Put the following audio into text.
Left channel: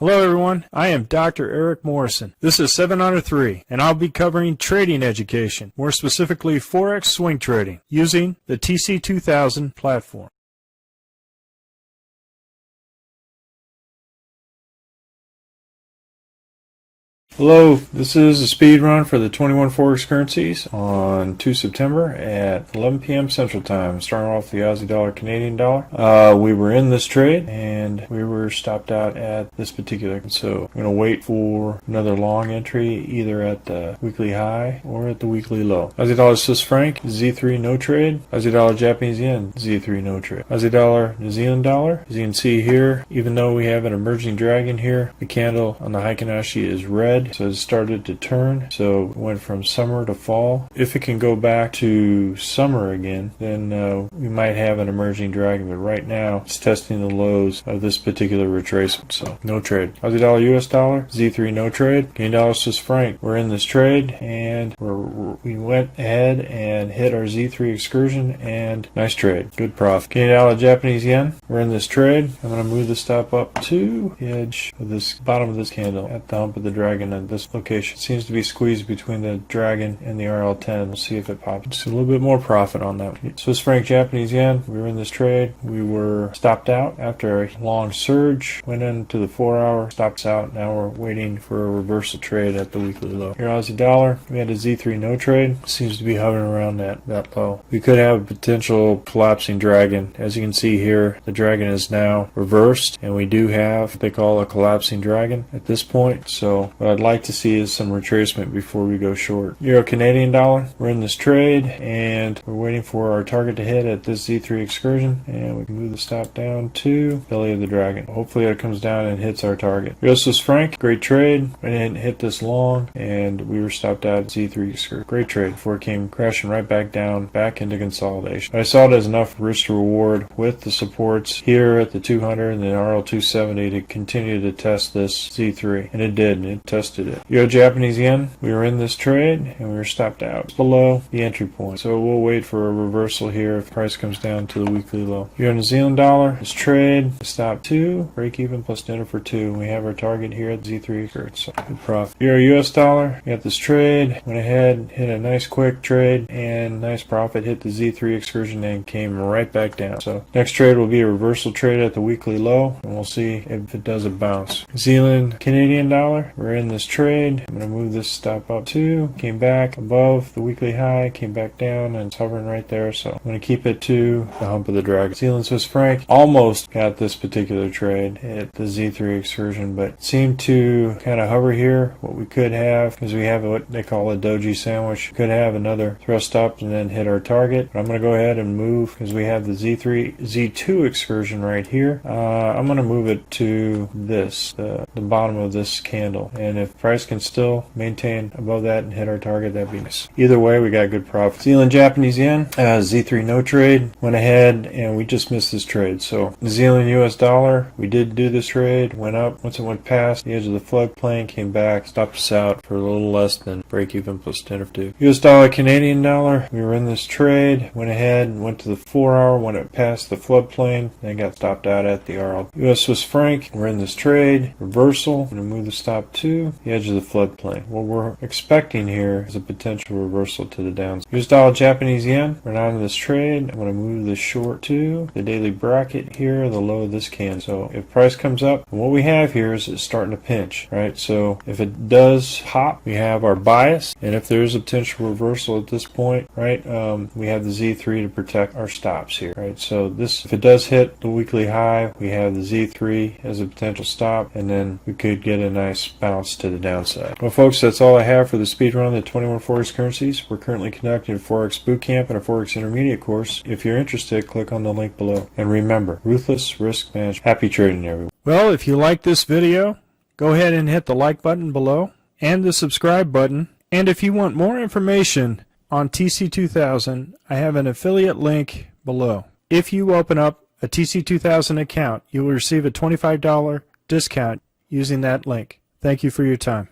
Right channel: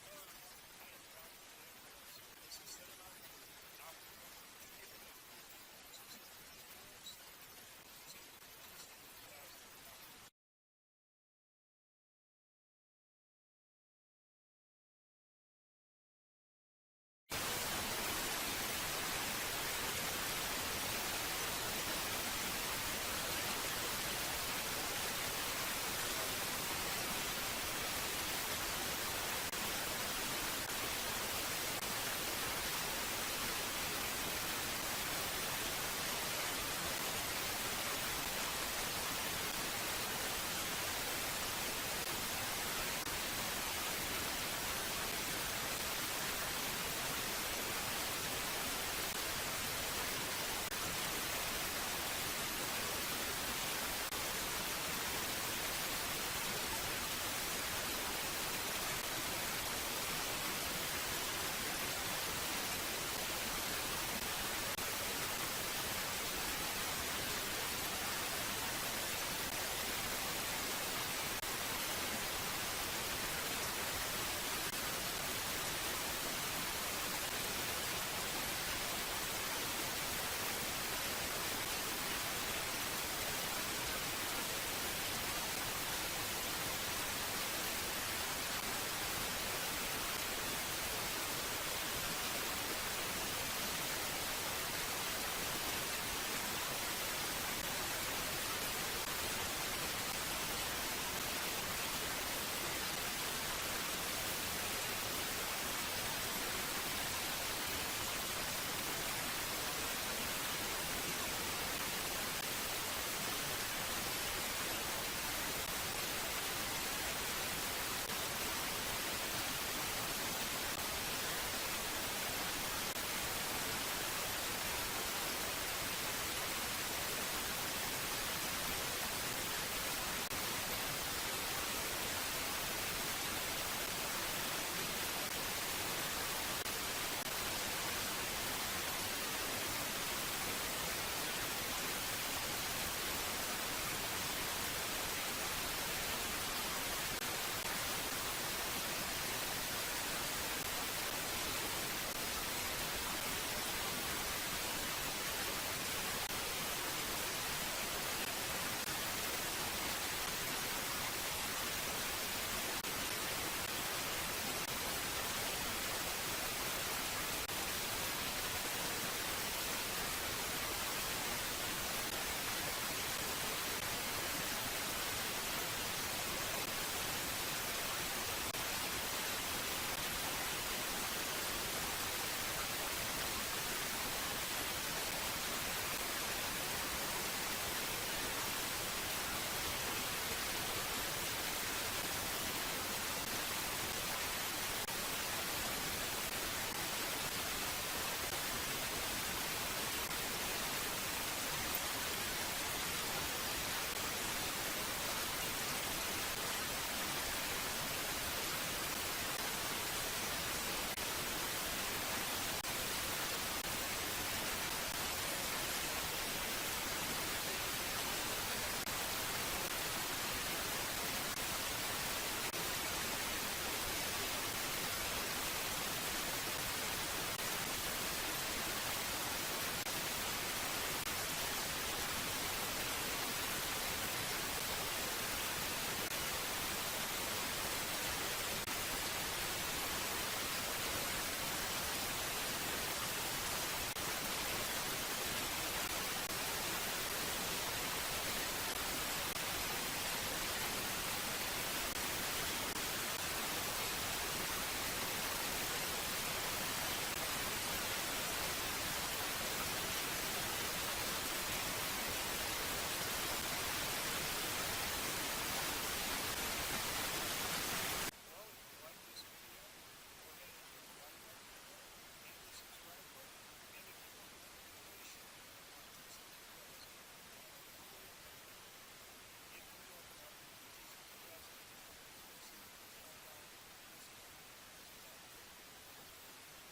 Hello everyone, I am Dr. Eric Morrison. This is 7 Under 3, and I'll be covering trading education, more specifically Forex swing trading, using the TC2000 platform. Hello, this is a speed run for the 21 Forex currencies on 2 September at 11 p.m. Central Time. Starting off the Aussie dollar, Canadian dollar. We were in this trade and we were stopped out at this particular. So I'm going to wait for another long entry either at the weekly high or at the weekly low. Aussie dollar, Swiss franc, Z3 no trade. Aussie dollar, Japanese yen, Z3 no trade. Aussie dollar, New Zealand dollar. As you can see here, even though we have an emerging dragon here, the candle on the Heikin-Ashi is red. So it started to turn, so it went from summer to fall. If it can go back to summer again, then we might have an emerging dragon, but right now it's testing the lows of this particular retracement, so no trade. Aussie dollar, US dollar, Z3 no trade. Canadian dollar, Swiss franc, we're in this trade, and we went ahead and hit our Z3 excursion, and nice trade, good profit. Canadian dollar, Japanese yen, we're in this trade. I'm going to move the stop up to the edge of this bottom of this candle at the hump of the dragon, and this location seems to be squeezed between the dragon and the RL10. We'll see if it pops. See a little bit more profit on that. Swiss franc, Japanese yen, we were in this trade. We were stopped out after a long surge, went into the 4-hour, stopped out. Now we're waiting for a reversal trade at the weekly low. Here, Aussie dollar, we had a Z3 no trade. Seems to be hovering around that low. We could have a potential collapsing dragon. As you can see here, the dragon is now reversed, and we do have what they call a collapsing dragon at this point. So what I'd like to see is some retracement before we go short. Euro Canadian dollar, we're in this trade and we're waiting for our target to hit at this Z3 excursion, and we can move the stop down to belly of the dragon. Hopefully it comes down and hits our target. Euro Swiss franc, great trade. We didn't hit this long and we were stopped out at Z3 excursion. Great trade before it came crashing right back down, back into consolidation. I saw it as enough risk to reward with the supports here at the 200 and the RL270 to continue to test this Z3, and it did, and it tested it. Euro Japanese yen, we were in this trade and we were stopped out. It's below the entry point, so we'll wait for a reversal here if price comes down to the weekly low. Euro New Zealand dollar, this trade, stop 2, break even plus dinner for 2. We have our target here at Z3 for so good profit. Euro US dollar, we got this trade, went ahead, hit a nice quick trade and nice profit, hit the Z3 excursion and came right back down. So next trade will be a reversal trade at the weekly low, and we'll see if it does a bounce. New Zealand Canadian dollar, we're in this trade. I'm going to move this stop up 2, came back above the weekly high, came back down, and it's hovering right there, so I'm going to keep it to the hump of the dragon. New Zealand Swiss franc, almost got this particular trade at the Z3 excursion, but seemed to kind of hover here. What we could have is we have what they call a doji sandwich. Could have another thrust up and then hit our target. I'm going to go ahead and move, because we have the Z2 excursion right here. I'm going to move it to this, the bottom of this candle, and if price can still maintain above that and hit our target, that'd be nice. Either way, we got good profit. New Zealand Japanese yen, Z3 no trade, went ahead and we just missed this trade. So New Zealand US dollar, we did do this trade, went up. Once it went past the edge of the floodplain, came back, stopped us out for a little less than break even plus 10 or 2. US dollar Canadian dollar, we were in this trade, went ahead, went to the 4-hour, went up past the floodplain, and got stopped out at the RL. US Swiss franc, we're in this trade, reversal, remove the stop to the edge of the floodplain. What we're expecting here is a potential reversal to the downside. US dollar Japanese yen, we're not in this trade. I'm going to move this short to the daily bracket here, the low of this candle. So if price comes up, what we have here is it's starting to pinch, right? So if it does pop, we have our bias, and if there is a potential reversal at this point, right, we have the Z3 to protect our stops here, right? So this, if it does hit the weekly high, we have the Z3 as a potential stop, and then we could get a nice bounce to the downside. Well, folks, that's all I have for the speed run of the 21 Forex currencies. We're currently conducting a Forex bootcamp and a Forex intermediate course. If you're interested, click on the link below. And remember, ruthless risk management. Happy trading, everyone. Well, if you like this video, go ahead and hit the like button below and the subscribe button. And if you want more information on TC2000, I have an affiliate link below. If you open up a TC2000 account, you will receive a $25 discount using that link. Thank you for your time.